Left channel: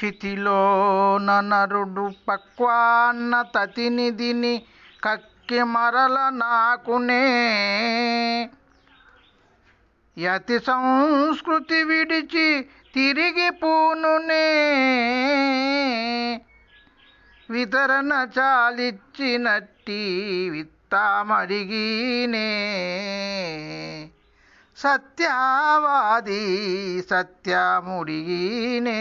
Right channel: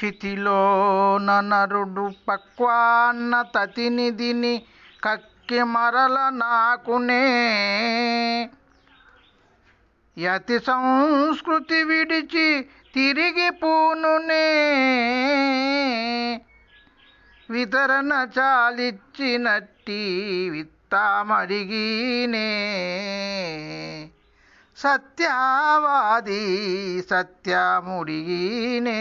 క్షితిలో నరుడు పక్వాన్న తతినిధిని కక్కి మరల నాకునే. యతి సంస్కృతి విడిచి తిరిగి పూనునే. వితరణ చాలిచ్చినట్టి విత్తామడిగినే. సత్యవాది సత్యముడినే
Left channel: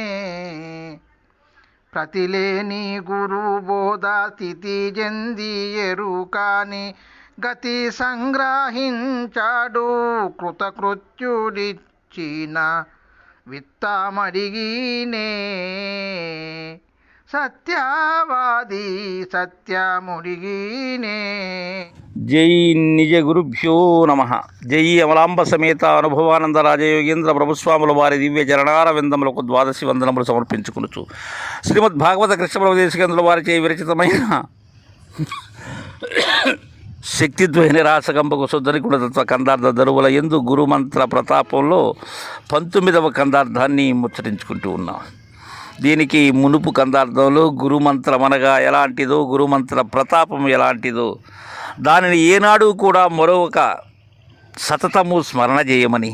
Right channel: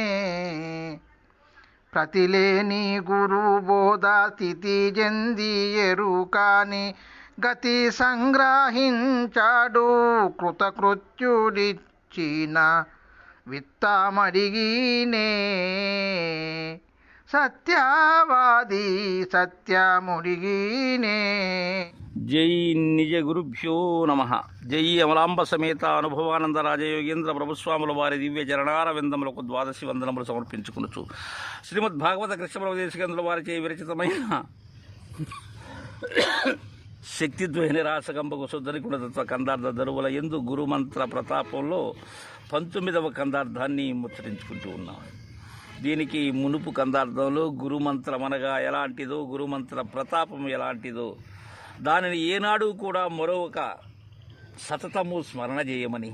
ప్రతిలేని గురు బోధ స్థితి జంది ఎరుకాని గతి సంగ్రహించాడు కృతకృత్యుడిచ్చిన విత్తమడిగినే. సత్యవాది సత్యముడిగినే. జై నిజ గురుభ్యో నమ. జై అమలాంబ సమేత అనుభవానంద రాజయోగేంద్ర ప్రభుస్వాముల వారి దివ్య చరణార విందములకు ద్వాదశి వందనములు సమర్పించుకునుచు. శ్రీమద్ భాగవత కృష్ణ ప్రదేశకేంద్రుల వారిచే విరచితమైన శక్తిద్వయ నిరాశకంపకు శుద్ధని గుణతత్వ కందార్థ దరువుల ఎందు గురుమంత్ర ప్రతాపంలో పంతొమ్మిదవ కందార్థాన్ని ముచ్చటించుకుంటూ ఉన్నాం. దీనికి మునుపు కందార్థంలో గురుమంత్రం అనగా ఎలాంటిదో గురుమంత్ర ప్రతాపం ఎలాంటిదో దానిని ఏనాడు కూడా మరొక సతతము స్మరణ చేయమని.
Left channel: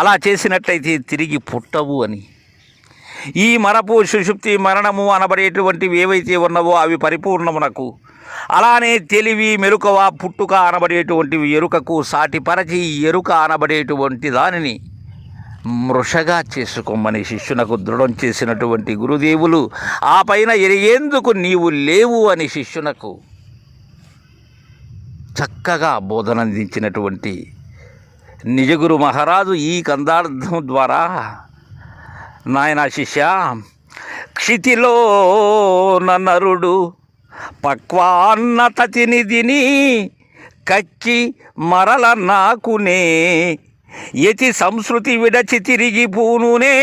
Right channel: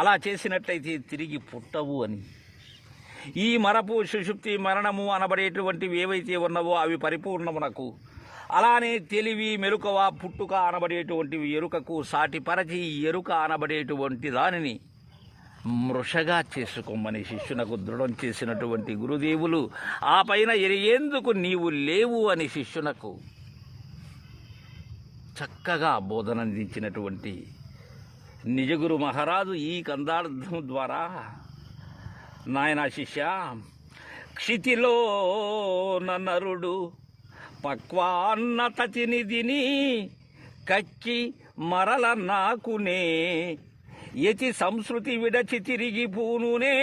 అలా చేసినట్లయితే తిరిగి పుట్టవు అని. ఈ మరపు సుషుప్తి మరణము అనబడేటువంటివి ఏవైతే ఉన్నవో అవి పరిపూర్ణమునకు. అలానే తెలివి మెరుకవ పుట్టుక అనబడేటువంటివి ఎరుకకు సాటిపరచి ఎరుక అనబడేటువంటి దానిని మృషగా చేసుకోమని శిష్యునకు దృఢం చేసినటువంటి గురుదేవులు ఆ పైన ఎరిగేందుకు నీవు లేవు అని శిష్యునకు చక్కగా బోధన అందించినటువంటి నిజగురు మహారాజు ఈ కందార్థం ద్వారా నాయన శిష్య క్షితిలో నరుడు పక్వాన్న తతినిధిని కచ్చి మరల నాకునే యతి సంస్కృతి విడచి తిరిగి పూనునే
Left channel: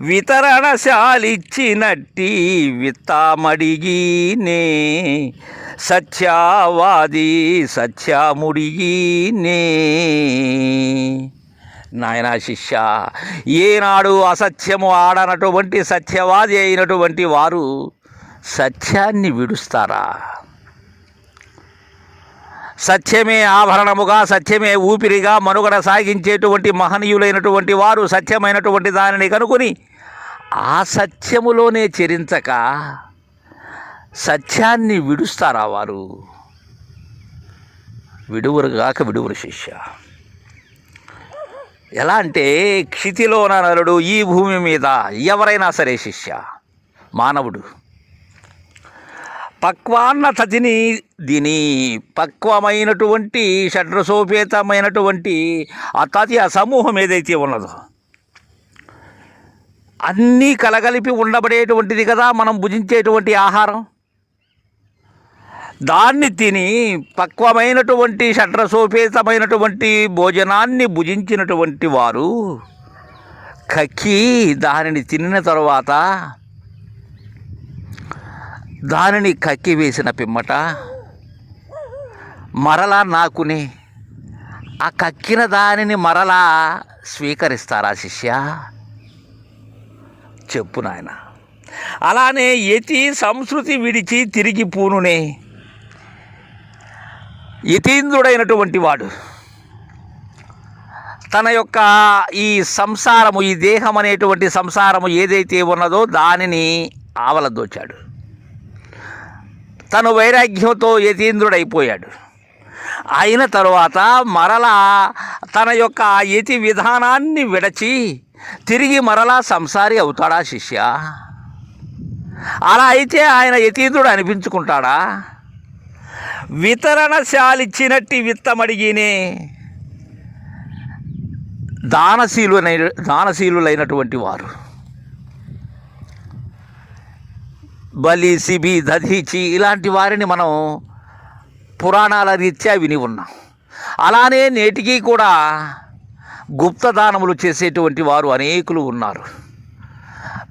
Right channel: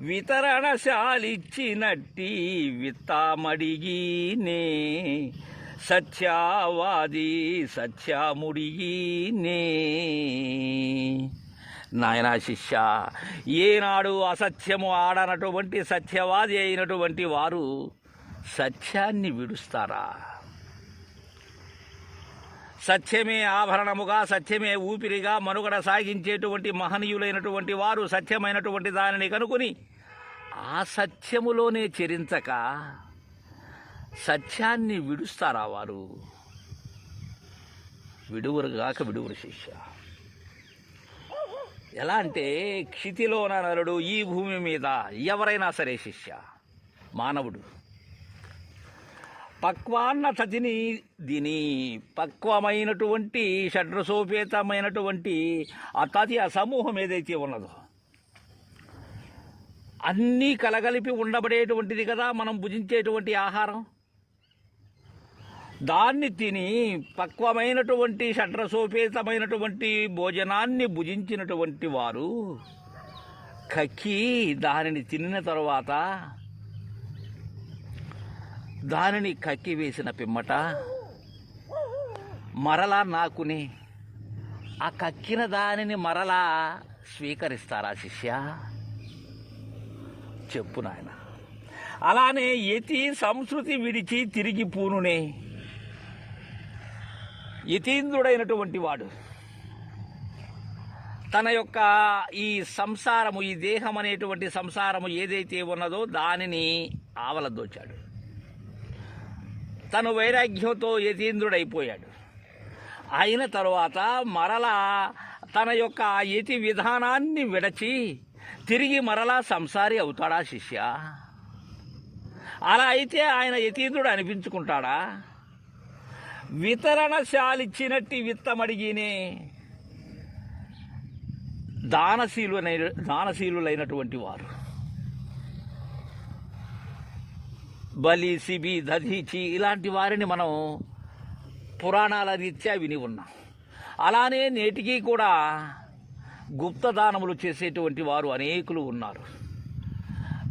వితరణశాలిచ్చినట్టి విత్తామడిగినే. సత్యవాది సత్యముడిగినే నాయనా శిష్య ఏనాడు అసత్యము ఆడనటువంటి సత్యవాది అయినటువంటి వారు సత్యాన్ని విడుస్తారా? సత్యమే ఆభరణముగా సత్యమే ఊపిరిగా మనుగడ సాగించేటువంటి మహనీయులైనటువంటి వారు సత్యమైనటువంటి దానిని కనుకొని ఆ సత్యములోనే చెరించక సత్యాన్ని విడుస్తారా వారు? విడువరుగాక విడువరు శిష్య. ఎలా అంటే క్షితిలోన నరుడు ఈ భూమి మీద ఎవరైనా సరే శిష్య మానవుడు. పక్వాన్న తదిని దీని పక్వమైనటువంటి షడ్రసోపేతమైనటువంటి ఆ ఆ సమూహం ఏదైతే ఉన్నదో అన్నీ కలగలిపి ఉండబడేటువంటిది కదా మనం భుజించేటువంటి ఆహారం. దాన్ని తిని పక్వమైనటువంటి షడ్రసోపేతమైనటువంటి భోజనాన్ని భుజించినటువంటి వారు కక్కి దానిని తినిన తర్వాత దానిని కక్కి వేసిన పిమ్మట మరలా నాకుని ఆ కక్కిన దానిని మరలా స్వీకరిస్తారా శిష్య? చెప్పు నాయన. అలానే యతి సంస్కృతి విడిచి తిరిగి పూనునే యతీంద్రుడైనటువంటి వాడు. తన యొక్క ఈ సంసారము ఈ దేహం అనేటువంటి సంసారము ఏదైతే ఉన్నదో దానిని ఆవలదోచాడు. తను వైరాగ్యంతో యతీంద్రుడైపోయాడు. అయిన తరువాత మరలా తన యొక్క యతి విధానాన్ని విడచి తిరిగి మరలా సంసారి అవుతాడా శిష్య? అలా అయితే ఆయన యతీంద్రుడు అనిపించుకుంటాడా? వితరణశాలిచ్చినట్టి విత్తమడిగినే. దానశీలునై దానశీలులైనటువంటి వారు. బలి సిబి దధీచి ఇలాంటి వారిని మనం పురాణాల రీత్యా విని ఉన్నాం. అలానే నేటికి కూడా గుప్త దానములు చేసేటువంటి వారు అనేకులు ఉన్నారు.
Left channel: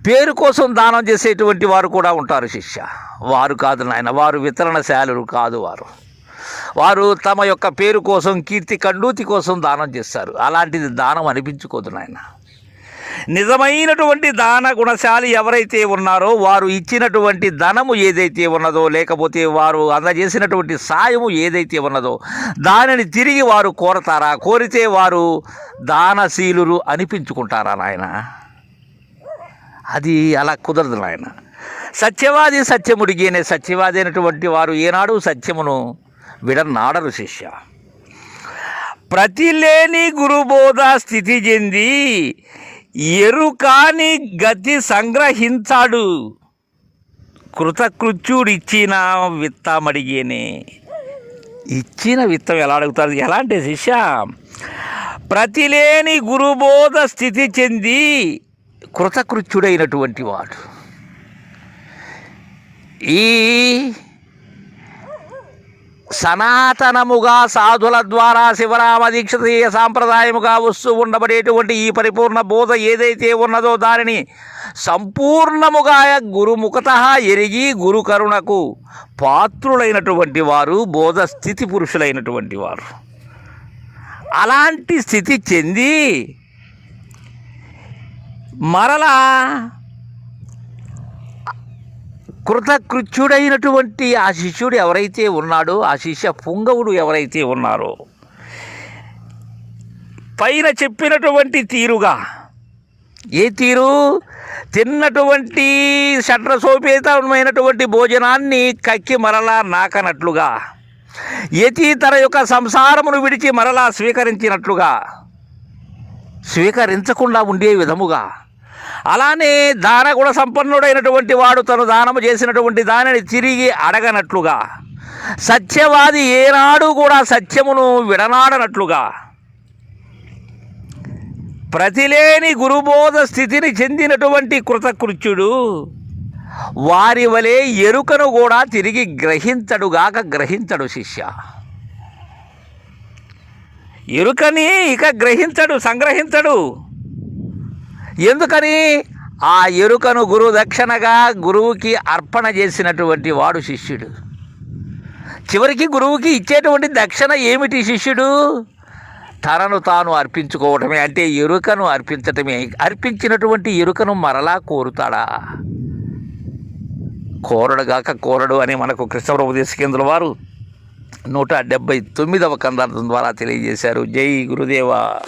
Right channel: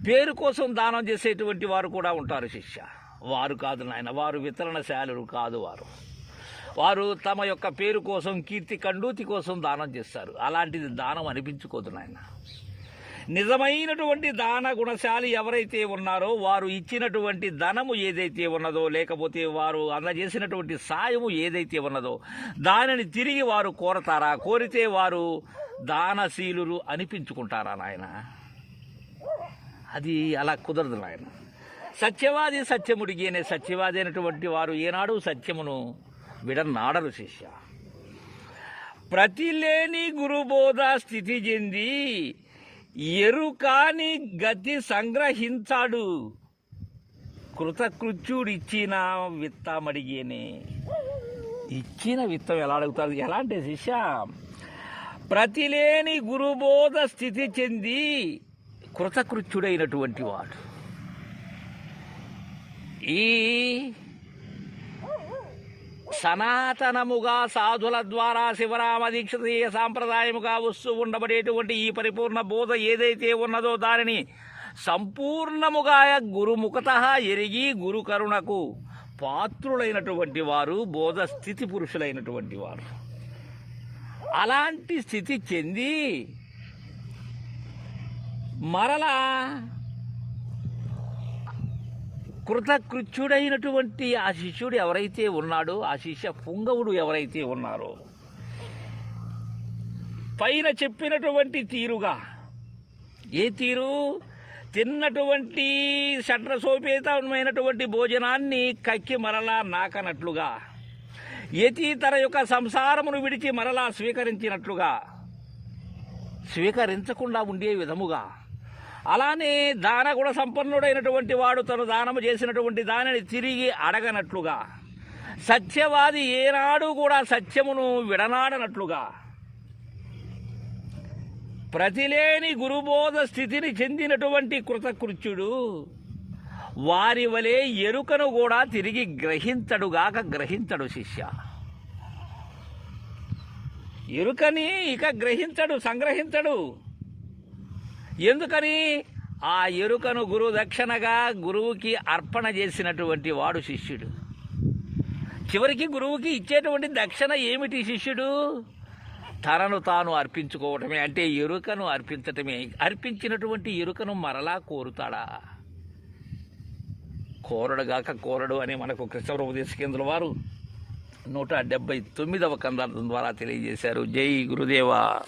పేరు కోసం దానం చేసేటువంటి వారు కూడా ఉంటారు శిష్య. వారు కాదు నాయన వారు వితరణశాలు కాదు వారు. వారు తమ యొక్క పేరు కోసం కీర్తి కండూతి కోసం దానం చేస్తారు. అలాంటిది దానం అనిపించుకోదు నాయన. నిజమైనటువంటి దాన గుణశాలి ఎవరైతే ఉన్నారో వారు ఇచ్చినటువంటి ధనము ఏదైతే ఉన్నదో లేకపోతే వారు అందజేసినటువంటి సాయము ఏదైతే ఉన్నదో దానిని తిరిగి వారు కోరతారా? కోరితే వారు దానశీలురు అనిపించుకుంటారా నాయన? అది అలా కుదరదు నాయన. సత్యవాది సత్యముడికి అనే సత్యవాది అయినటువంటి వారు ఏనాడు సత్యమును విడనాడరు శిష్య. ప్రతిలేని గురుబోధ స్థితి చెంది ఎరుకాని గతి సంగ్రహించాడు. కృతకృత్యుడిచ్చిన విత్తమడిగేనే. ఇచ్చిన విత్తం ఎలా అడుగుతారు? ఎలా అంటే శిష్య? ప్రతిలేని గురుబోధ స్థితి చెంది కృతకృత్యుడైనటువంటి వాడు. ఈ సనాతనముగా సాధుల ద్వారా శివరామ దీక్షతీయ సాంప్రదాయముగా వస్తూ ఉండబడేటువంటి ఈ పరిపూర్ణ బోధ ఏదైతే ఉన్నదో దానిని సంపూర్ణముగా గురుముఖత ఎరిగి గురు కరుణకు పాత్రులైనటువంటి వారు బోధ స్థితి పురుషులైనటువంటి వారు. అలాంటి స్థితి చెంది మరలా కృతకృత్యుడైనటువంటి ఆ శిష్యుడు ఎవరైతే ఉన్నాడో ఆ శిష్య పుంగవుడు ఎవరైతే ఉన్నారో పైన చెప్పినటువంటి తీరుగా ఏ తీరు? తిన్నటువంటి షట్రసోపేతమైనటువంటి భోజనాన్ని కక్కి మరలా నాకనట్లుగా యతి తన యొక్క సంసారమును విడిచి మరలా స్వీకరించినట్లుగా స్వీకరించకుండా ఉండే విధముగా అలానే దానగుణ సంపన్నుడైనటువంటి వాడు తను దానము చేసినటువంటి దానిని తిరిగి అడగనట్లుగా సత్యవాది ఏనాడు కూడా సత్యమును విడనాడనట్లుగా ప్రతిలేని గురుబోధ స్థితిని చెందినటువంటి కృతకృత్యుడు వారి వలె ఎరుకను కూడా తిరిగి గ్రహించడుగాక గ్రహించడు శిష్య. ఎరుకని ఇక గ్రహించడు సంగ్రహించడు. ఎందుకని? ఆ ఎరుకను గురు దక్షిణగా గురువుకి అర్పణ చేసినటువంటి వాడు శిష్యుడు. చివరికి గురువుకి ఇచ్చేటువంటి దక్షిణ ఏమిటి శిష్యుడు? తనను తాను అర్పించుకోవటమే అంటే ఎరుకను అర్పించటమే. అర్పించినటువంటి ఎరుకను మరలా కోరుతాడా? కోరడుగాక కోరడు అని మనకు కృష్ణప్రభు దేశకేంద్రుల వారు నూట డెబ్బై తొమ్మిదవ కందార్థం ద్వారా తెలియజేశారు. జై గురుదేవా.